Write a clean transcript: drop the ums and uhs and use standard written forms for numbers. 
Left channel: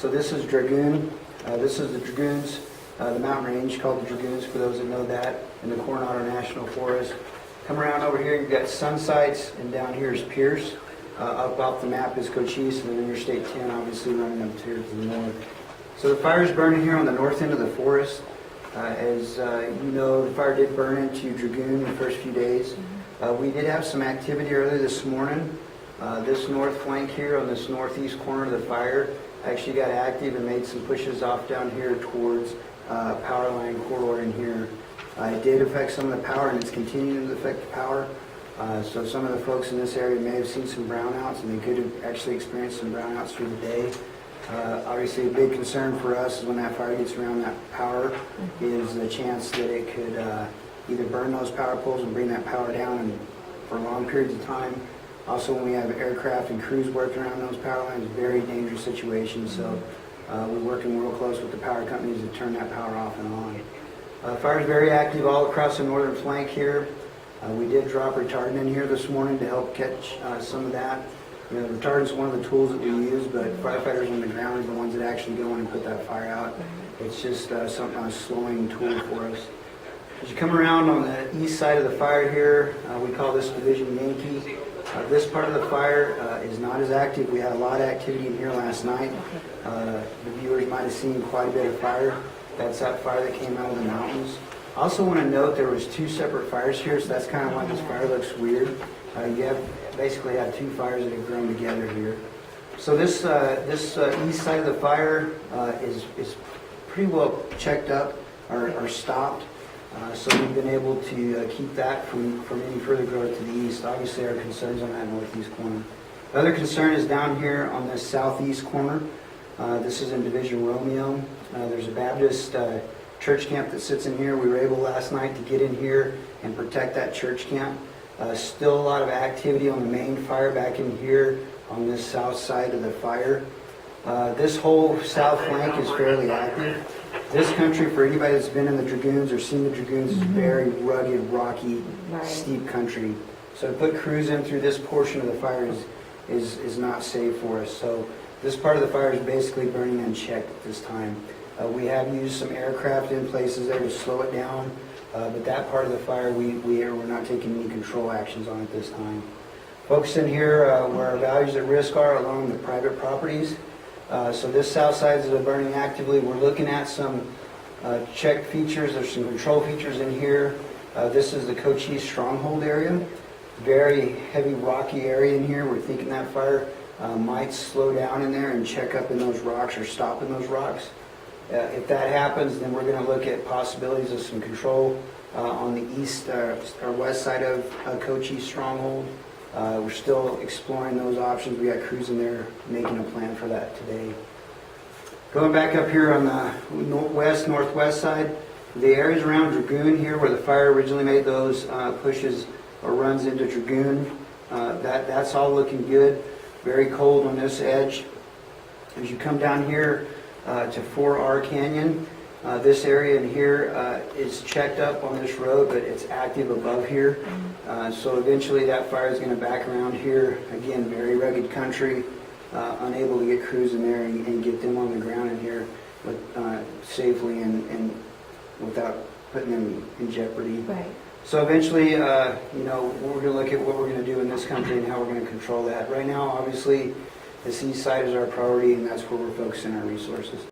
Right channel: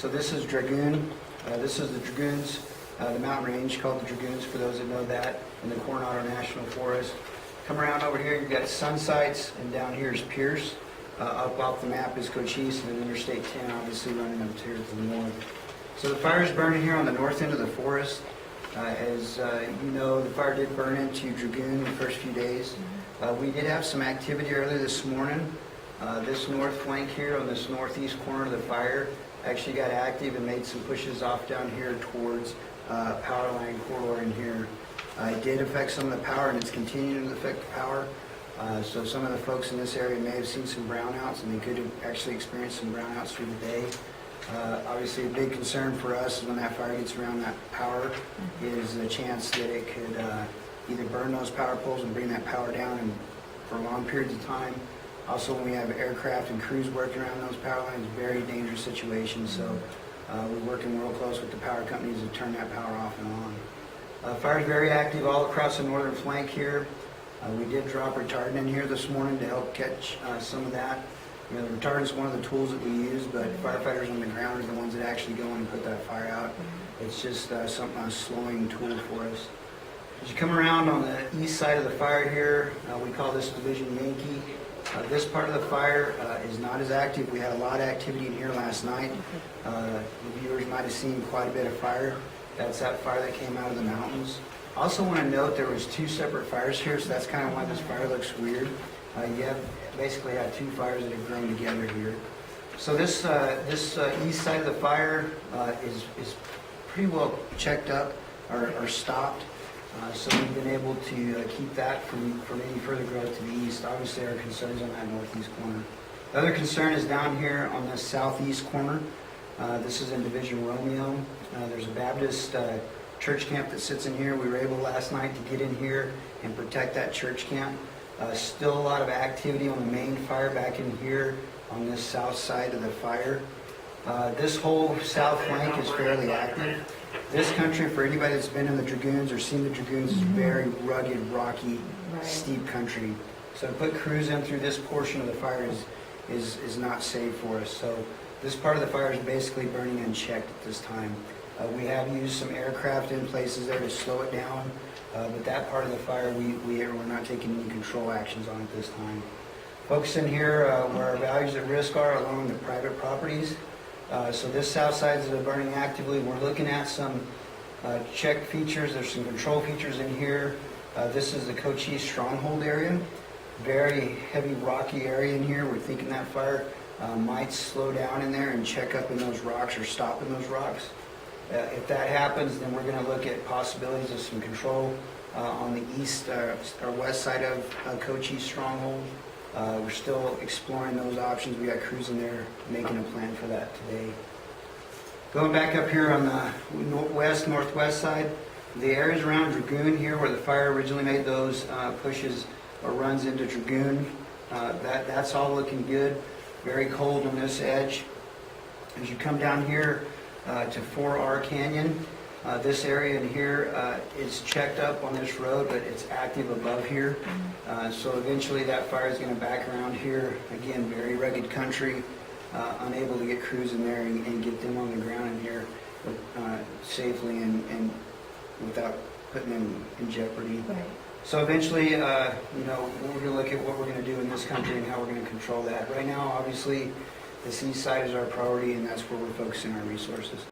So this is Dragoon. This is the Dragoons, the mountain range called the Dragoons, for those that know that, in the Coronado National Forest. Come around over here, you've got Sun Sites, and down here is Pierce. Up off the map is Cochise, and then Interstate 10, obviously running up here to the north. So the fire is burning here on the north end of the forest. As you know, the fire did burn into Dragoon the first few days. We did have some activity early this morning. This north flank here on this northeast corner of the fire actually got active and made some pushes off down here towards power line corridor in here. It did affect some of the power, and it's continuing to affect the power. So some of the folks in this area may have seen some brownouts, and they could have actually experienced some brownouts through the day. Obviously, a big concern for us is when that fire gets around that power is the chance that it could either burn those power poles and bring that power down and for long periods of time. Also, when we have aircraft and crews working around those power lines, very dangerous situation. So we're working real close with the power companies to turn that power off and on. Fire is very active all across the northern flank here. We did drop retardant in here this morning to help catch some of that. You know, the retardant is one of the tools that we use, but firefighters on the ground are the ones that actually go in and put that fire out. It's just a slowing tool for us. As you come around on the east side of the fire here, we call this Division Yankee. This part of the fire is not as active. We had a lot of activity in here last night. The viewers might have seen quite a bit of fire. That's that fire that came out of the mountains. I also want to note there was two separate fires here, so that's kind of why this fire looks weird. You basically had two fires that have grown together here. So this east side of the fire is pretty well checked up or stopped. So we've been able to keep that from any further growth to the east. Obviously, our concerns on that northeast corner. The other concern is down here on the southeast corner. This is in Division Romeo. There's a Baptist church camp that sits in here. We were able last night to get in here and protect that church camp. Still a lot of activity on the main fire back in here on this south side of the fire. This whole south flank is fairly active. This country, for anybody that's been in the Dragoons or seen the Dragoons, is very rugged, rocky, steep country. So to put crews in through this portion of the fire is not safe for us. So this part of the fire is basically burning unchecked at this time. We have used some aircraft in places there to slow it down, but that part of the fire we're not taking any control actions on at this time. Focusing here where our values at risk are along the private properties. So this south side is burning actively. We're looking at some checked features. There's some control features in here. This is the Cochise stronghold area. Very heavy rocky area in here. We're thinking that fire might slow down in there and check up in those rocks or stop in those rocks. If that happens, then we're going to look at possibilities of some control on the east or west side of Cochise stronghold. We're still exploring those options. We got crews in there making a plan for that today. Going back up here on the northwest side, the areas around Dragoon here where the fire originally made those pushes or runs into Dragoon, that's all looking good. Very cold on this edge. As you come down here to 4R Canyon, this area in here is checked up on this road, but it's active above here. So eventually that fire is going to back around here. Again, very rugged country, unable to get crews in there and get them on the ground in here safely and without putting them in jeopardy. Right. So eventually, you know, we're going to look at what we're going to do in this country and how we're going to control that. Right now, obviously, this east side is our priority, and that's where we're focusing our resources.